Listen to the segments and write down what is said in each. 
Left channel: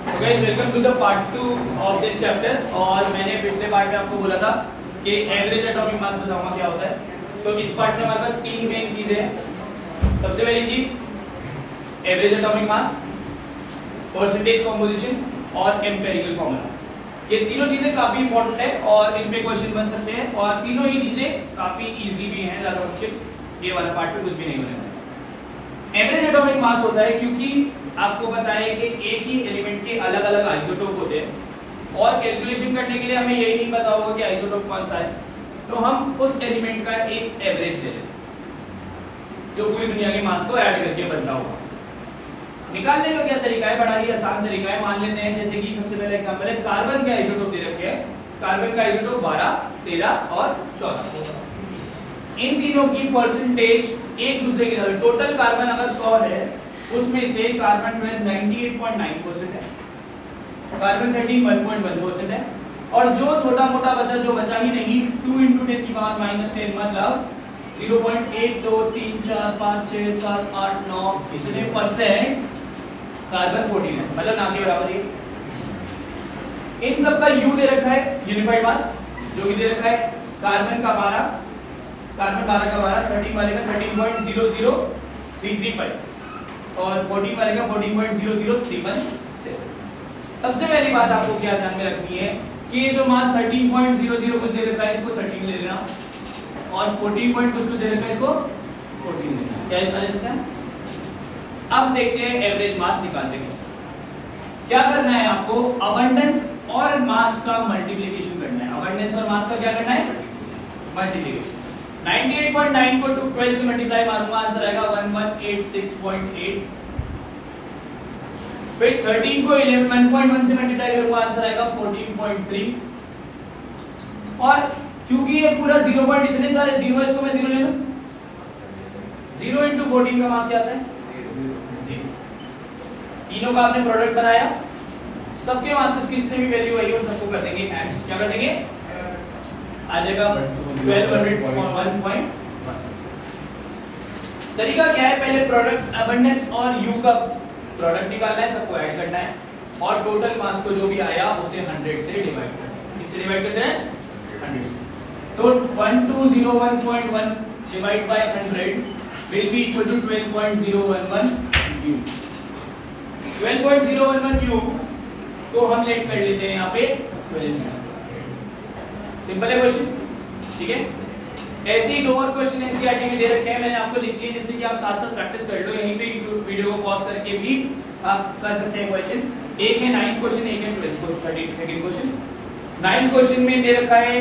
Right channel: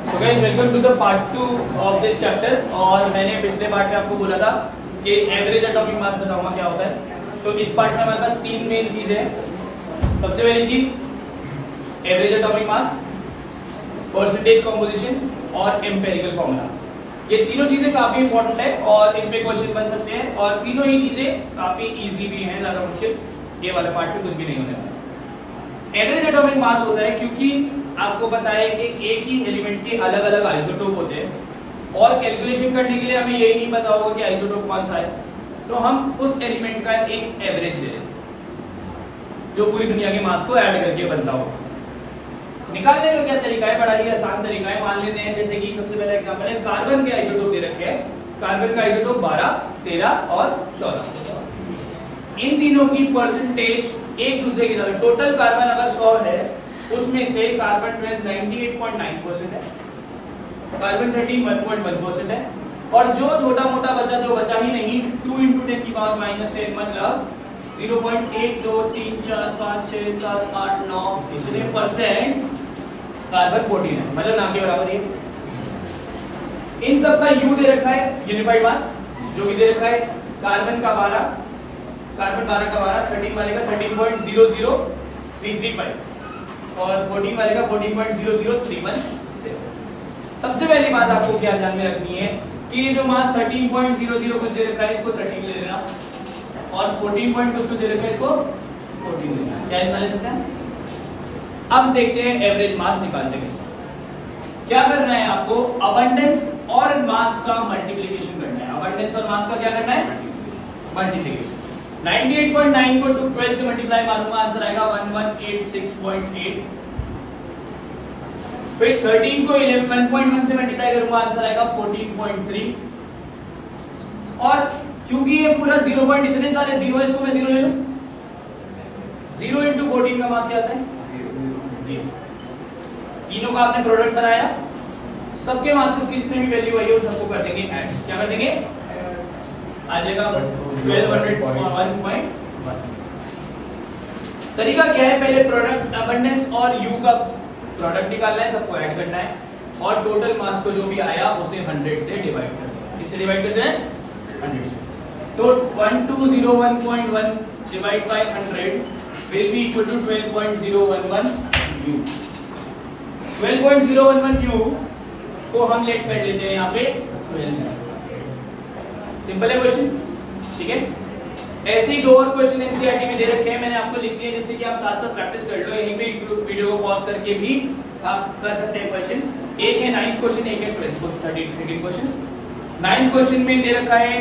So guys, welcome to the part 2 of this chapter। और मैंने पिछले पार्ट में आपको बोला था कि एवरेज एटॉमिक मास बताऊंगा क्या होता है। तो इस पार्ट में हमारे पास तीन मेन चीजें हैं। सबसे पहली चीज average atomic mass, percentage composition और एम्पिरिकल फॉर्मूला। ये तीनों चीजें काफी इंपॉर्टेंट है और इन पे क्वेश्चन बन सकते हैं और तीनों ही चीजें काफी इजी भी हैं, ज्यादा मुश्किल ये वाला पार्ट में कुछ भी नहीं होने वाला। एवरेज एटॉमिक मास होता है क्योंकि आपको पता है कि एक ही एलिमेंट के अलग अलग आइसोटोप होते हैं और कैलकुलेशन करने के लिए हमें यही नहीं पता होगा कि आइसोटोप कौन सा है, तो हम उस एलिमेंट का एक एवरेज ले लेते हैं जो पूरी दुनिया की मास को ऐड करके बनता होगा। निकालने का क्या तरीका है? बड़ा ही आसान तरीका है। मान लेते हैं जैसे कि सबसे पहला एग्जांपल है, कार्बन के आइसोटोप दे रखे हैं। कार्बन का आइसोटोप 12, 13 और 14। इन तीनों की परसेंटेज एक दूसरे के साथ, टोटल कार्बन अगर 100 है उसमें से कार्बन 98.9% है, कार्बन 13 1.1% है और जो छोटा मोटा बचा, जो बचा ही नहीं, 2 × 10 की पावर -10 मतलब 0.1 2 3 4 5 6 7 8 9 इतने परसेंट कार्बन 14 है, मतलब ना के बराबर है। इन सब का यू दे रखा है, यूनिफाइड मास जो भी दे रखा है। कार्बन का 12, कार्बन 12 का 12, 13 वाले का 13.00335 और 14 वाले का 14.00317। सबसे पहली बात आपको क्या ध्यान में रखनी है कि ये जो मास 13.00 कुछ दे रखा है इसको 13 ले लेना और 14 पॉइंट कुछ दे रखा है इसको 14 लेना। क्या इतना ले सकते हैं? अब देखते हैं एवरेज मास निकालते हैं कैसे। क्या करना है आपको? अबंडेंस और मास का मल्टीप्लिकेशन करना है। अबंडेंस और मास का क्या करना है? मल्टीप्लिकेशन। 98.9 को 12 से मल्टीप्लाई मारूंगा, आंसर आएगा 1186.8। फिर 13 को 1.1 से मल्टीप्लाई करूंगा, आंसर आएगा 14.3। और क्योंकि ये पूरा 0 पॉइंट इतने सारे जीरो है, इसको मैं 0 ले लूं। 0 × 14 का मास क्या आता है? 0। तीनों का आपने प्रोडक्ट बनाया, सबके मासेस की जितने भी वैल्यू है उन सबको कर देंगे ऐड। क्या कर देंगे? आ जाएगा 1201.1। तरीका क्या है? पहले प्रोडक्ट अबंडेंस और यू का प्रोडक्ट निकालना है, सबको ऐड करना है और टोटल मास को जो भी आया उसे 100 से डिवाइड करना है। किससे डिवाइड करते हैं? 100 से। तो 1201.1 divide by 100 will be equal to 12.011 u। 12.011 u को हम लेट कर लेते हैं यहाँ पे 12। सिंपल है क्वेश्चन, ठीक है। ऐसे ही दो और क्वेश्चन एनसीईआरटी में दे रखे हैं, मैंने आपको लिख दिए जिससे कि आप साथ साथ प्रैक्टिस कर लो। यहीं पे वीडियो को पॉज करके भी आप कर सकते हैं क्वेश्चन। एक है 9th क्वेश्चन, एक है 13th क्वेश्चन। 9th क्वेश्चन में दे रखा है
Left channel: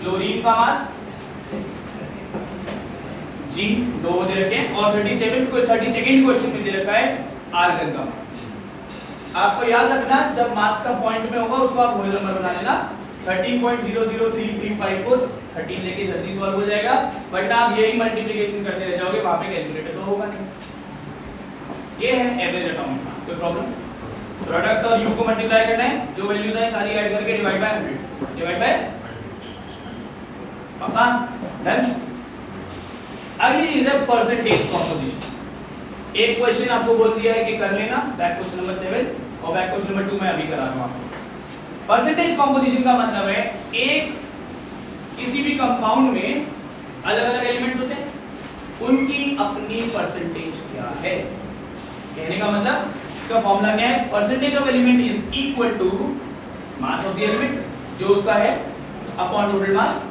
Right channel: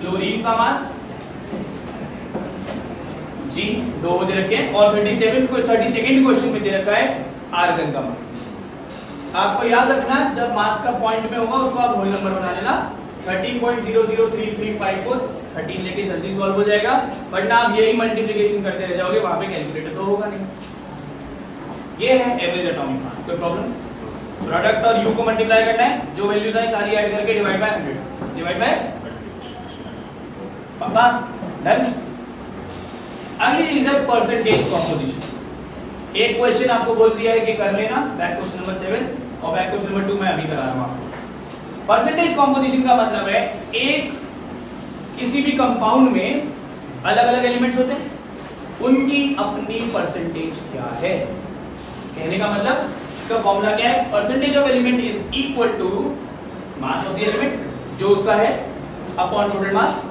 क्लोरीन का मास G, 2 दे रखे हैं और 32nd क्वेश्चन में दे रखा है आर्गन का मास। आपको याद रखना, जब मास का पॉइंट में होगा उसको आप होल नंबर बना लेना। 13.00335 को 13 लेके जल्दी सॉल्व हो जाएगा, वरना आप यही मल्टीप्लिकेशन करते रह जाओगे, वहां पे कैलकुलेटर तो होगा नहीं। ये है एवरेज एटॉमिक मास। कोई प्रॉब्लम? प्रोडक्ट और यू को मल्टीप्लाई करना है, जो वैल्यूज आई सारी ऐड करके डिवाइड बाय 100, डिवाइड बाय, पक्का? डन। अगली चीज है परसेंटेज कंपोजिशन। एक क्वेश्चन आपको बोल दिया है कि कर लेना, बैक क्वेश्चन नंबर 7 और बैक क्वेश्चन नंबर 2 मैं अभी करा रहा हूं आपको। परसेंटेज कंपोजिशन का मतलब है एक किसी भी कंपाउंड में अलग अलग एलिमेंट्स होते हैं, उनकी अपनी परसेंटेज क्या है। कहने का मतलब इसका फॉर्मूला क्या है? Percentage of element is equal to mass of the element जो उसका है अपॉन टोटल मास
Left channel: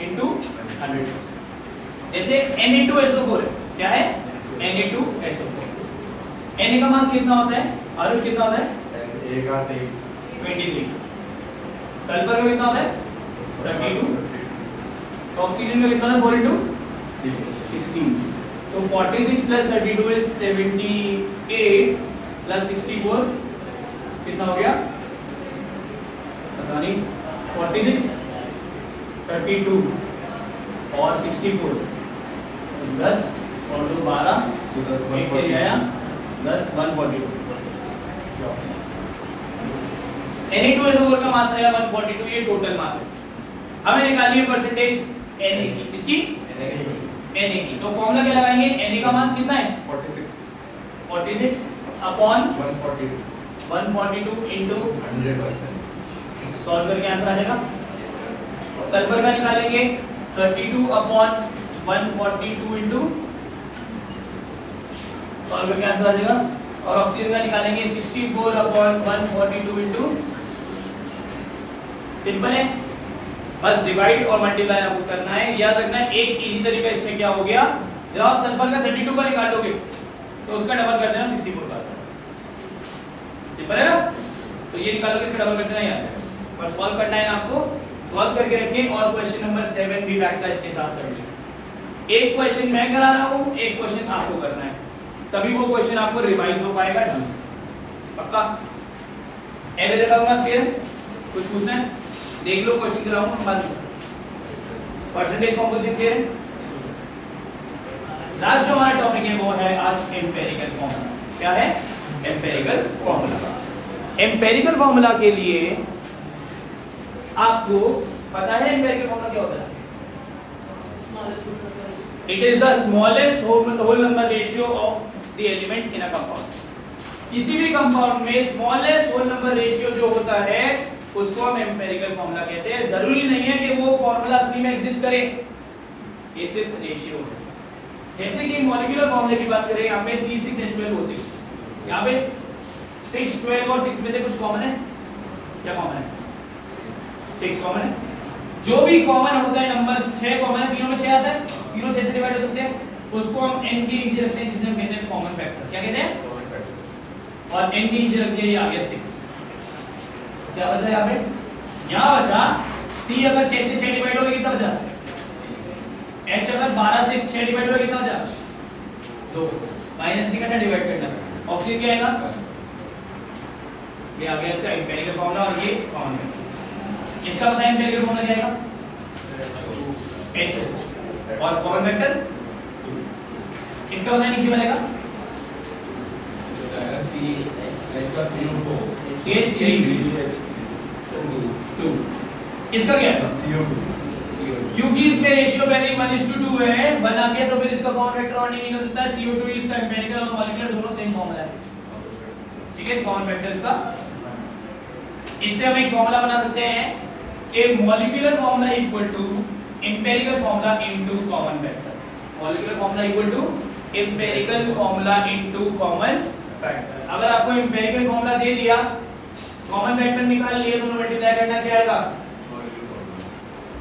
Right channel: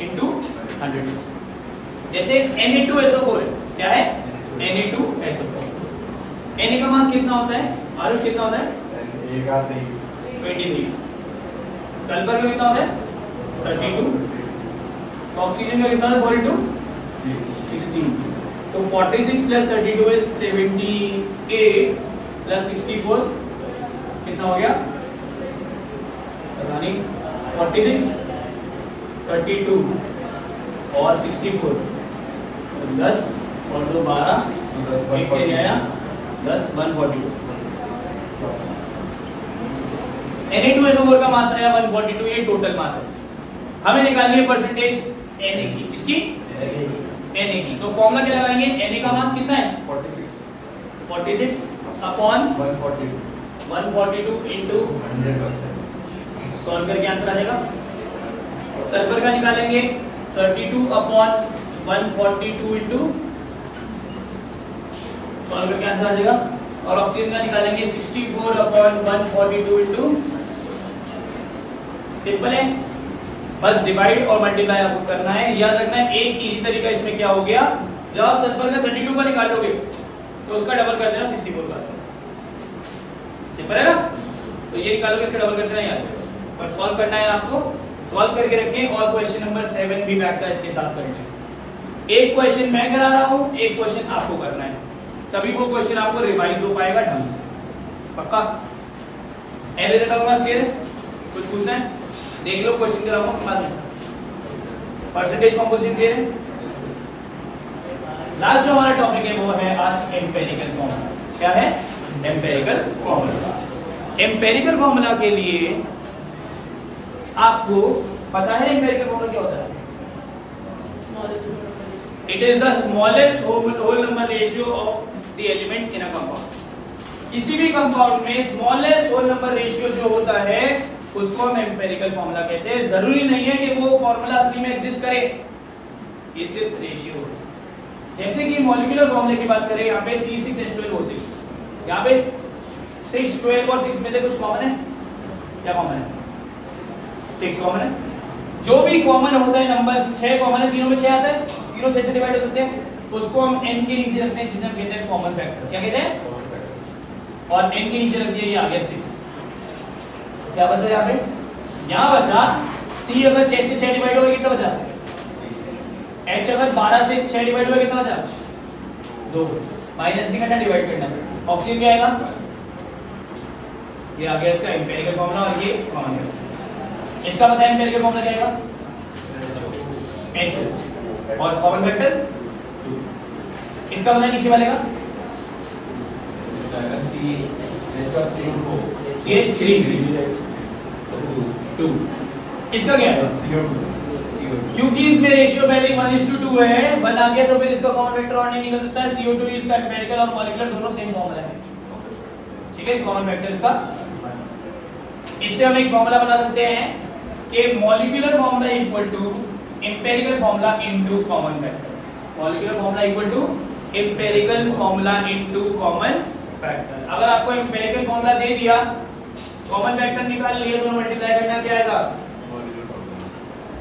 इनटू 100%। जैसे Na2SO4 है, क्या है? Na2SO4। Na का मास कितना होता है? आरुष कितना होता है? 23। सल्फर का कितना होता है? 32। तो ऑक्सीजन का कितना है? 4 × 16। तो 46 प्लस 32 इज 78 प्लस 64 कितना हो गया? पता नहीं। 46 32 और 64 10 और 2 12 एक के आया 10 142। Na2SO4 का मास आया 142, ये टोटल मास है। हमें निकालनी है परसेंटेज Na की। किसकी? Na की। तो फॉर्मूला क्या लगाएंगे? Na का मास कितना है? 46 अपॉन 142 142 इंटू 100%। सॉल्व करके आंसर आ जाएगा। सल्फर का निकालेंगे 32 अपॉन 142 इंटू, सॉल्व करके आंसर आ जाएगा। और ऑक्सीजन का निकालेंगे 64 अपॉन 142 इंटू, सिंपल है, बस डिवाइड और मल्टीप्लाई आपको करना है। याद रखना है एक इजी तरीका इसमें क्या हो गया, जब आप सल्फर का 32 का निकाल लोगे तो उसका डबल कर देना 64 का, सिंपल है ना। तो ये निकालोगे इसका डबल कर देना, याद रखो। और सॉल्व करना है आपको, सॉल्व करके रखें। और क्वेश्चन नंबर 7 भी बैक का इसके साथ करेंगे। एक क्वेश्चन मैं करा रहा हूं, एक क्वेश्चन आपको करना है, तभी वो क्वेश्चन आपको रिवाइज हो पाएगा ढंग से, पक्का। एवरेज एटॉमिक मास क्लियर है? कुछ पूछना है देख लो, क्वेश्चन कराऊंगा बाद में। परसेंटेज कंपोजिशन क्लियर है? लास्ट जो हमारा टॉपिक है वो है आज एम्पेरिकल फॉर्मूला। क्या है? Empirical formula. एम्पेरिकल फॉर्मूला के लिए आपको पता है एम्पेरिकल फॉर्मूला क्या होता है? It is the smallest whole number ratio of the elements in a compound. किसी भी कंपाउंड में स्मॉलेस्ट होल नंबर रेशियो जो होता है उसको हम एम्पेरिकल फॉर्मूला कहते हैं। जरूरी नहीं है कि वो फॉर्मूला असली में एग्जिस्ट करे, ये सिर्फ रेशियो है। जैसे कि मॉलिक्यूलर फॉर्मूले की बात करें, यहाँ पे C6H12O6, यहाँ पे 6, 12 और 6 में से कुछ कॉमन है? क्या कॉमन है? 6 कॉमन है। जो भी कॉमन होता है नंबर 6 कॉमन है, तीनों में 6 आता है, तीनों 6 से डिवाइड हो सकते हैं, उसको हम n के नीचे रखते हैं, जिसे हम कहते हैं कॉमन फैक्टर। क्या कहते हैं? और n के नीचे रख दिया, ये आ गया 6। क्या बचा यहाँ पे? यहाँ बचा C अगर 6 से 6 डिवाइड होगा कितना बचा? H अगर 12 से 6 डिवाइड होगा कितना बचा? 2। माइनस नहीं करना, डिवाइड करना। ऑक्सीजन क्या आएगा? ये आ गया इसका एम्पेरिकल फॉर्मूला, और ये कॉमन है। इसका बताएं एम्पेरिकल फॉर्मूला क्या आएगा? H। और कॉमन फैक्टर इसका बताएं नीचे वाले का? CH3। इसका क्या है? CO2। क्योंकि इसमें रेशियो पहले 1:2 है, 1 आ गया तो फिर इसका कॉमन फैक्टर और नहीं निकल सकता है। CO2 इसका एम्पेरिकल और मॉलिक्यूलर दोनों सेम फॉर्मूला है, ठीक है। कॉमन फैक्टर इसका, इससे हम एक फॉर्मूला बना सकते हैं कि molecular formula equal to empirical formula into common factor. Molecular formula equal to empirical formula into common factor. अगर आपको एम्पेरिकल फॉर्मूला दे दिया, कॉमन फैक्टर निकाल लिए, दोनों मल्टीप्लाई करना क्या आएगा?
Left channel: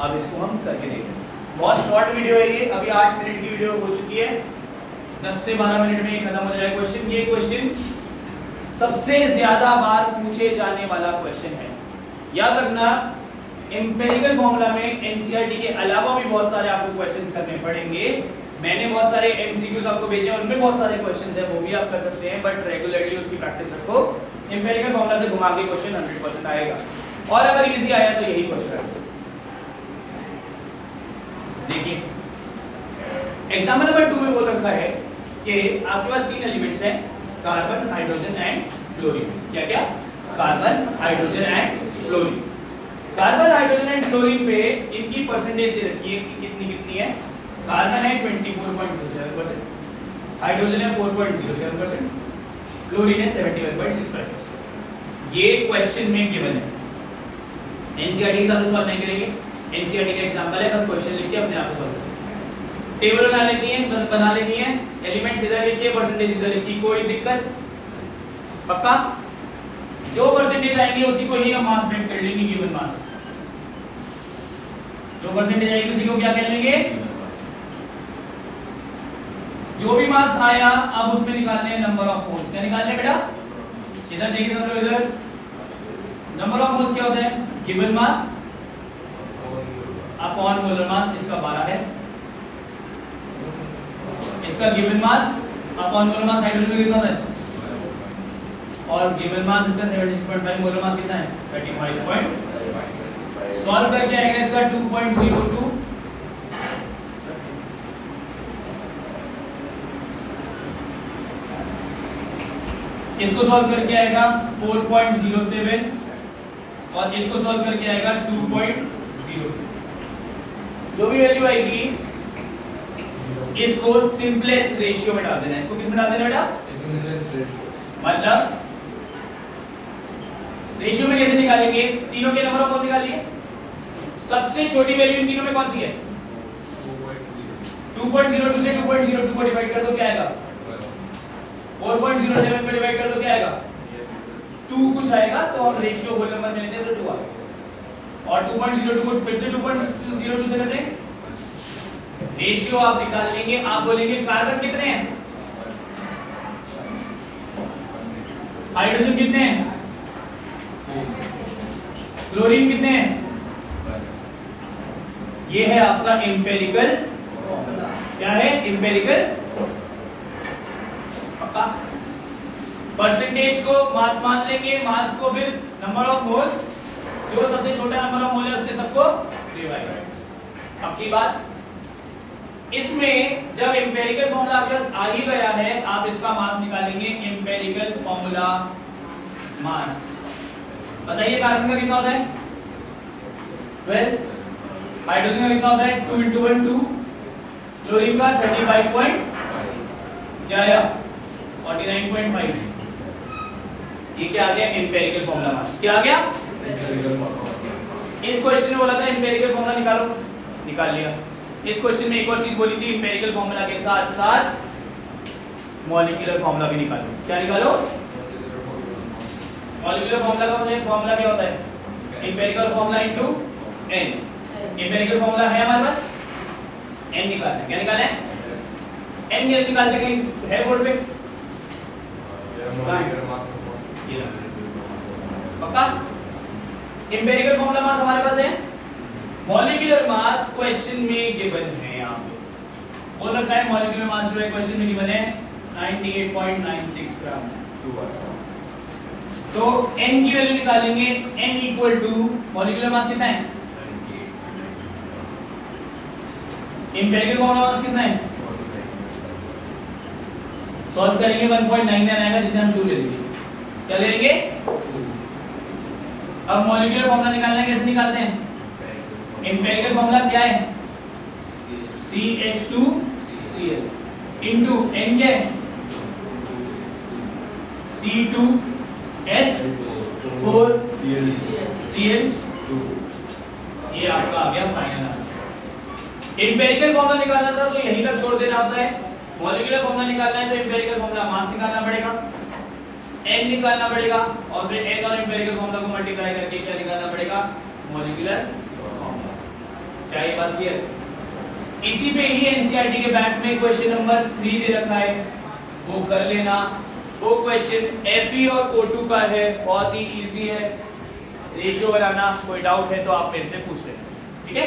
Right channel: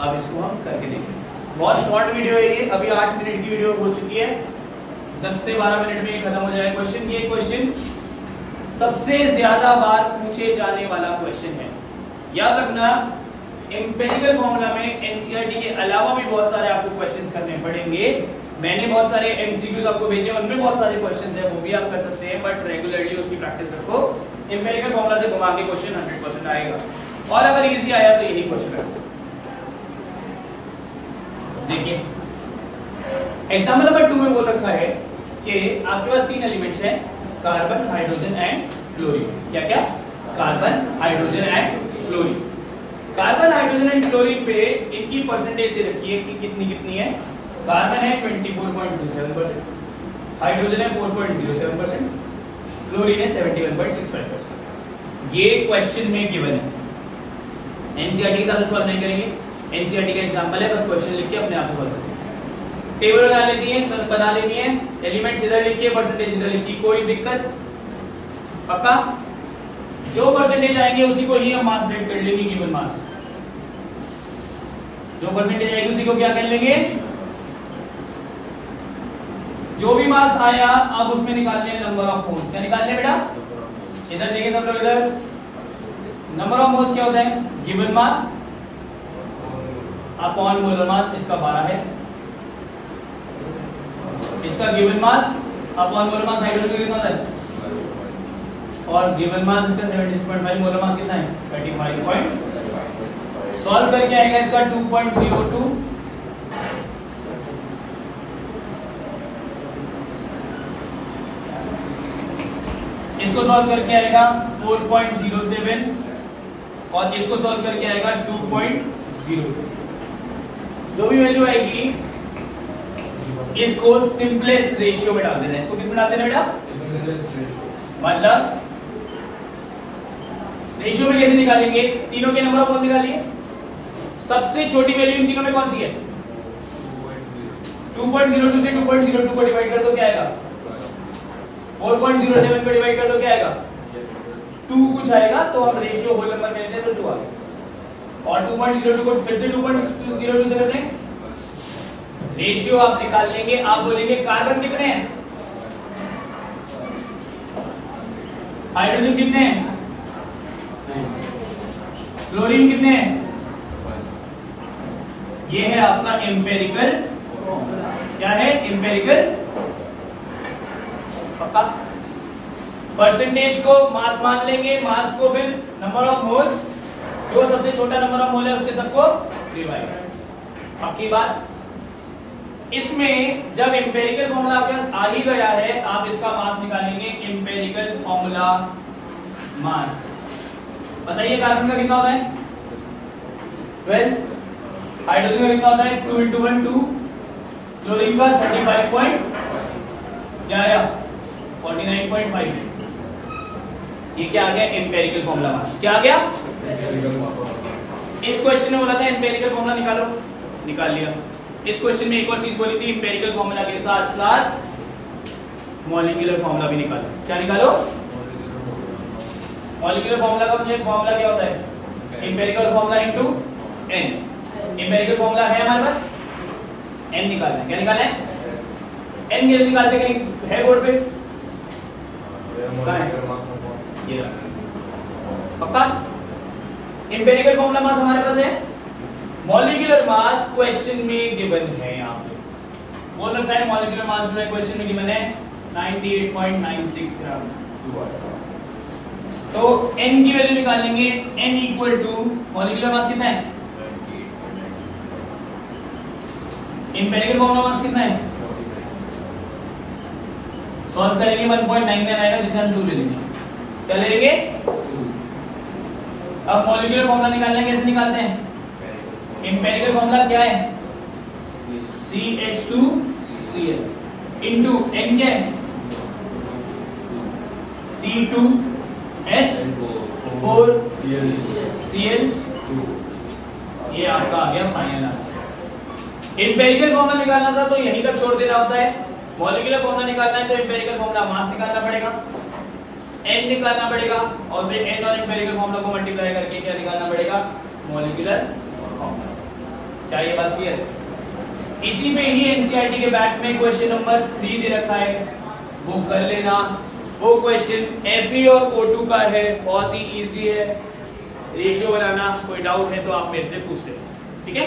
अब इसको हम करके देखेंगे। बहुत शॉर्ट वीडियो है ये, अभी 8 मिनट की वीडियो हो चुकी है, 10 से 12 मिनट में ये खत्म हो जाएगा क्वेश्चन। ये क्वेश्चन सबसे ज्यादा बार पूछे जाने वाला क्वेश्चन है, याद रखना। एम्पेरिकल फॉर्मूला में एनसीईआरटी के अलावा भी बहुत सारे आपको क्वेश्चंस करने पड़ेंगे। मैंने बहुत सारे एमसीक्यूज आपको भेजे, उनमें बहुत सारे क्वेश्चंस है, वो भी आप कर सकते हैं, बट रेगुलरली उसकी प्रैक्टिस रखो। एम्पेरिकल फॉर्मूला से घुमा के क्वेश्चन 100% आएगा, और अगर इजी आया तो यही क्वेश्चन है। देखिए एग्जाम्पल नंबर 2 में बोल रखा है कि आपके पास 3 एलिमेंट्स हैं, कार्बन, हाइड्रोजन एंड क्लोरीन। क्या क्या? Carbon, hydrogen and chlorine. Carbon, hydrogen and chlorine पे इनकी परसेंटेज दे रखी है कि कितनी कितनी है। कार्बन है 24.07%, हाइड्रोजन है 4.07%, क्लोरीन है 71.65%। ये क्वेश्चन में गिवन है। एनसीईआरटी के साथ सॉल्व नहीं करेंगे, एनसीईआरटी का एग्जांपल है, बस क्वेश्चन लिख के अपने आप से सॉल्व करो। टेबल बना लेनी है, एलिमेंट्स इधर लिखिए, परसेंटेज इधर लिखिए, कोई दिक्कत? पक्का? जो परसेंटेज आएंगे उसी को ही हम मास वेट कर लेंगे, गिवन मास। जो परसेंटेज आएगी उसी को क्या कर लेंगे? जो भी मास आया अब उसमें निकालने हैं नंबर ऑफ मोल्स। क्या निकालने बेटा? इधर देखें सब लोग, इधर नंबर ऑफ मोल्स क्या होता है? Given mass upon molar mass. इसका 12 है, इसका given mass upon molar mass hydrogen कितना होता है, और गिवन मास इसका 76.5, मोलर मास कितना है 35. सॉल्व करके आएगा इसका 2.02, इसको सॉल्व करके आएगा 4.07 और इसको सॉल्व करके आएगा 2.02. जो भी वैल्यू आएगी इसको सिंपलेस्ट रेशियो में डाल देना. इसको किस में डाल देना बेटा? मतलब रेशियो में कैसे निकालेंगे? तीनों के नंबर कौन निकालिए? सबसे छोटी वैल्यू इन तीनों में कौन सी है? 2.02 से 2.02 को डिवाइड कर दो, क्या आएगा? 4.07 को डिवाइड कर दो, क्या आएगा? 2 कुछ आएगा, तो हम रेशियो होल नंबर में लेते हैं तो 2 आएगा। और 2.02 को फिर से 2.02 से करते हैं, रेशियो आप निकाल लेंगे। आप बोलेंगे कार्बन कितने हैं, हाइड्रोजन कितने हैं, क्लोरीन कितने हैं। ये है आपका एम्पेरिकल, क्या है? एम्पेरिकल। पक्का? परसेंटेज को मास मान लेंगे, मास को फिर नंबर ऑफ मोल्स, जो सबसे छोटा नंबर ऑफ मोल है उससे सबको डिवाइड। पक्की बात? इसमें जब एम्पेरिकल फॉर्मूला आपके पास आ ही गया है, आप इसका मास निकालेंगे। एम्पेरिकल फॉर्मूला मास, बताइए कार्बन का कितना होता है? 12। हाइड्रोजन का कितना होता है? 2 × 1 2। क्लोरीन का 35 क्या आया? 49.5। ये क्या आ गया? Empirical formula mass. क्या आ गया? इस क्वेश्चन में बोला था एम्पेरिकल फॉर्मूला निकालो, निकाल लिया। इस क्वेश्चन में एक और चीज बोली थी, एम्पेरिकल फॉर्मूला के साथ साथ मॉलिक्यूलर फॉर्मूला भी निकालो। क्या निकालो? मॉलिक्यूलर फॉर्मूला का मुझे फॉर्मूला क्या होता है? Empirical formula into n। Empirical formula है हमारे पास, n निकालना है। क्या निकालना है? n कैसे निकालते? कहीं है बोर्ड पे? ये पक्का? एम्पेरिकल फॉर्मूला मास हमारे पास है, मॉलिक्यूलर मास क्वेश्चन में गिवन है। आपको बोल रखा है मॉलिक्यूलर मास जो है क्वेश्चन में गिवन है 98.96 ग्राम। तो n की वैल्यू निकालेंगे, n equal to molecular mass कितना है, एम्पिरिकल फॉर्मूला मास कितना है, सॉल्व करेंगे 1.99 आएगा, जिसे हम 2 ले लेंगे। क्या ले लेंगे? अब मॉलिक्यूलर फॉर्मूला निकालना है, कैसे निकालते हैं? एम्पिरिकल फॉर्मूला क्या है? CH2Cl इनटू n क्या है? C2H4Cl। ये आपका आ गया फाइनल आंसर। एम्पिरिकल फॉर्मूला निकालना था तो यहीं तक छोड़ देना होता है। मॉलिक्यूलर फॉर्मूला निकालना है तो एम्पिरिकल फॉर्मूला मास निकालना पड़ेगा, n निकालना पड़ेगा, और फिर n और एम्पिरिकल फॉर्मूला को मल्टीप्लाई करके क्या निकालना पड़ेगा? Molecular formula. क्या ये बात क्लियर? इसी में ही एनसीईआरटी के बैक में क्वेश्चन नंबर 3 दे रखा है, वो कर लेना। वो क्वेश्चन Fe और O2 का है, बहुत ही इजी है। रेशियो बनाना, कोई डाउट है तो आप मेरे से पूछ लेना, ठीक है।